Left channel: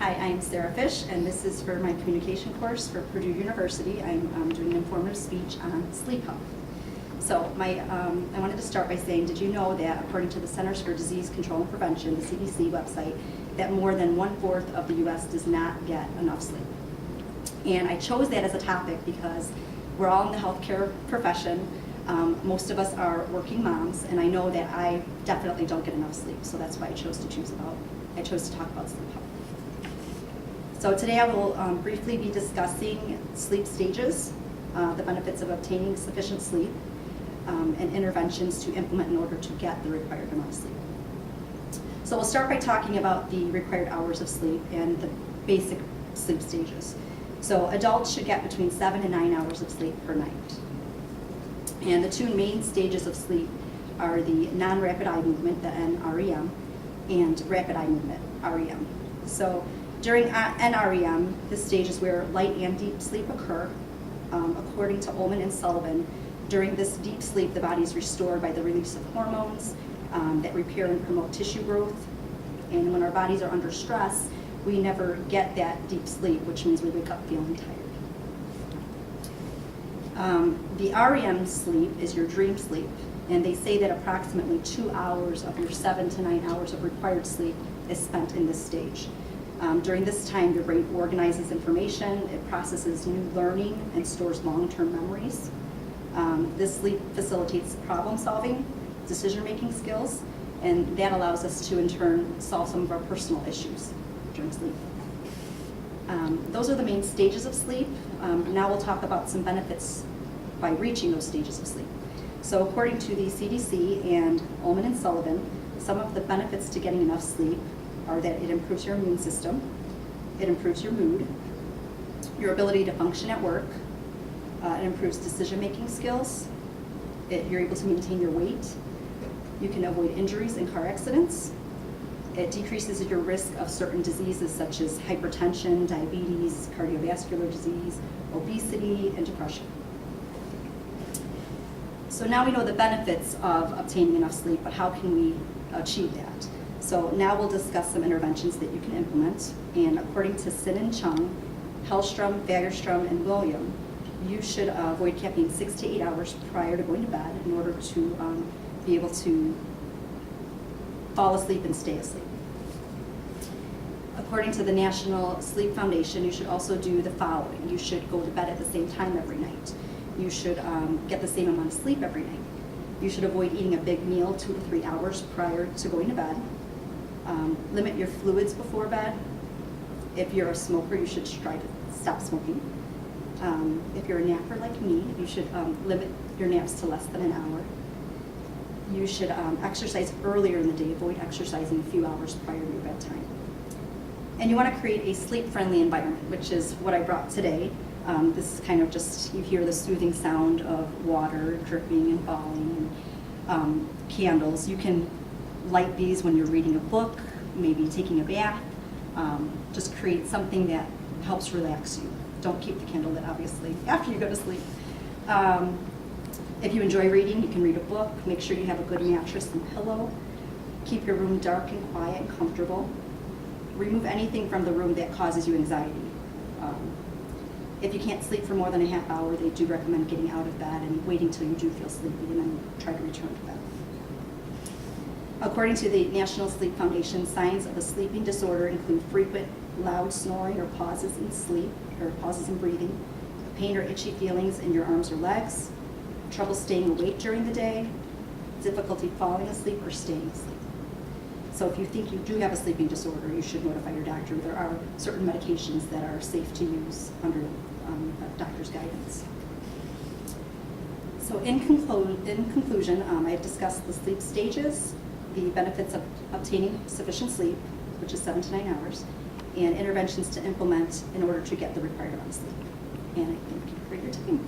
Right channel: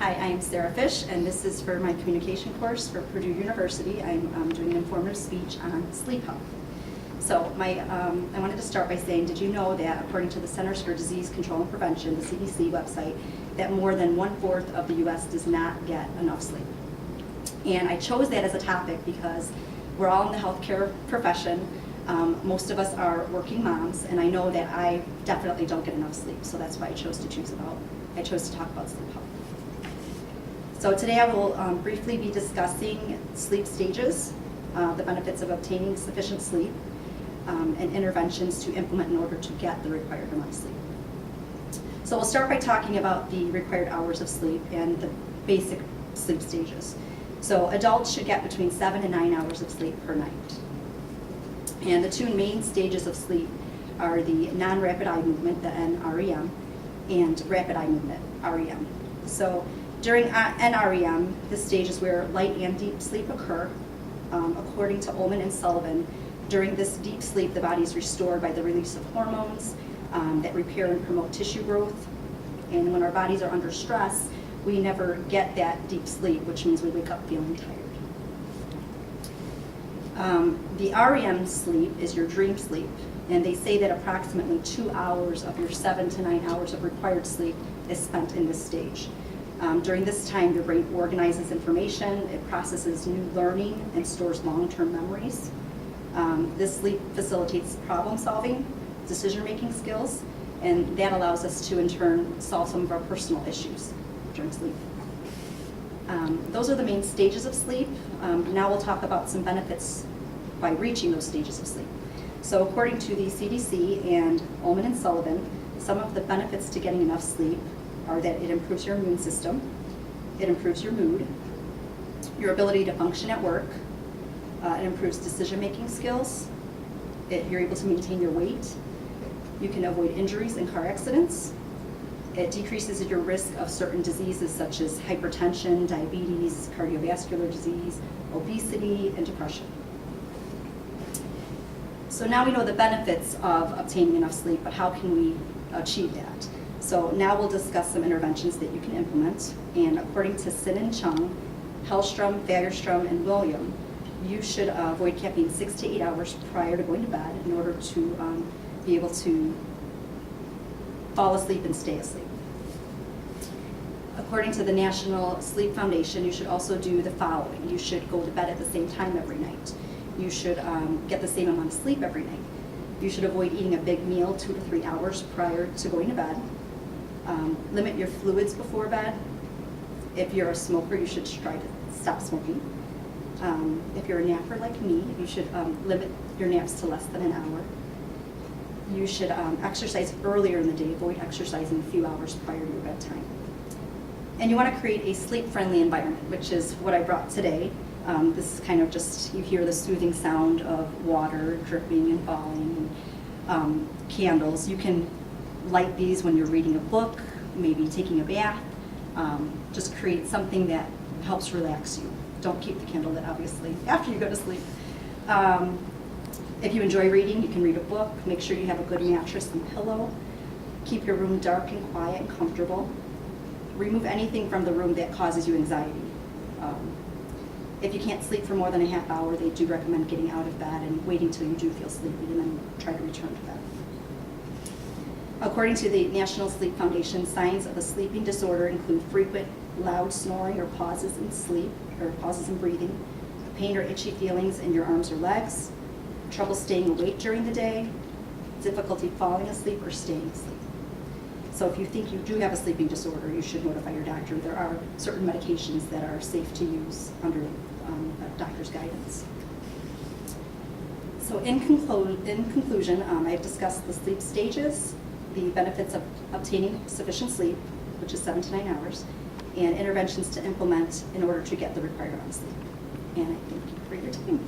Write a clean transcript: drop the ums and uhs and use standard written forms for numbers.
Hi, I'm Sarah Fish, and this is for my communication course for Purdue University. I'm doing an informative speech on sleep health. So I wanted to start by saying, did you know that according to the Centers for Disease Control and Prevention, the CDC website, that more than 1/4 of the U.S. does not get enough sleep? And I chose that as a topic because we're all in the healthcare profession. Most of us are working moms, and I know that I definitely don't get enough sleep, so that's why I chose to talk about sleep health. So today I will briefly be discussing sleep stages, the benefits of obtaining sufficient sleep, and interventions to implement in order to get the required amount of sleep. So we'll start by talking about the required hours of sleep and the basic sleep stages. So adults should get between 7 and 9 hours of sleep per night. And the two main stages of sleep are the non-rapid eye movement, the NREM, and rapid eye movement, REM. So during NREM, this stage is where light and deep sleep occur. According to Ullman and Sullivan, during this deep sleep, the body is restored by the release of hormones that repair and promote tissue growth. And when our bodies are under stress, we never get that deep sleep, which means we wake up feeling tired. The REM sleep is your dream sleep, and they say that approximately 2 hours of your 7 to 9 hours of required sleep is spent in this stage. During this time, your brain organizes information, it processes new learning, and stores long-term memories. This sleep facilitates problem solving, decision-making skills, and that allows us to, in turn, solve some of our personal issues during sleep. Those are the main stages of sleep. Now we'll talk about some benefits by reaching those stages of sleep. So according to the CDC and Ullman and Sullivan, some of the benefits to getting enough sleep are that it improves your immune system, it improves your mood, your ability to function at work, it improves decision-making skills, you're able to maintain your weight, you can avoid injuries and car accidents, it decreases your risk of certain diseases such as hypertension, diabetes, cardiovascular disease, obesity, and depression. So now we know the benefits of obtaining enough sleep, but how can we achieve that? So now we'll discuss some interventions that you can implement. And according to Sin and Chung, Hellstrom, Fagerstrom, and William, you should avoid caffeine 6 to 8 hours prior to going to bed in order to be able to fall asleep and stay asleep. According to the National Sleep Foundation, you should also do the following. You should go to bed at the same time every night. You should get the same amount of sleep every night. You should avoid eating a big meal 2 to 3 hours prior to going to bed. Limit your fluids before bed. If you're a smoker, you should try to stop smoking. If you're a napper like me, you should limit your naps to less than an hour. You should exercise earlier in the day. Avoid exercising a few hours prior to your bedtime. And you want to create a sleep-friendly environment, which is what I brought today. This is kind of just, you hear the soothing sound of water dripping and falling, and candles. You can light these when you're reading a book, maybe taking a bath. Just create something that helps relax you. Don't keep the candle lit, obviously, after you go to sleep. If you enjoy reading, you can read a book. Make sure you have a good mattress and pillow. Keep your room dark and quiet and comfortable. Remove anything from the room that causes you anxiety. If you can't sleep for more than a half hour, they do recommend getting out of bed and waiting till you do feel sleepy and then try to return to bed. According to the National Sleep Foundation, signs of a sleeping disorder include frequent loud snoring or pauses in sleep, or pauses in breathing, pain or itchy feelings in your arms or legs, trouble staying awake during the day, difficulty falling asleep or staying asleep. So if you think you do have a sleeping disorder, you should notify your doctor. There are certain medications that are safe to use under a doctor's guidance. So in conclusion, I have discussed the sleep stages, the benefits of obtaining sufficient sleep, which is 7 to 9 hours, and interventions to implement in order to get the required amount of sleep. And I thank you for your time.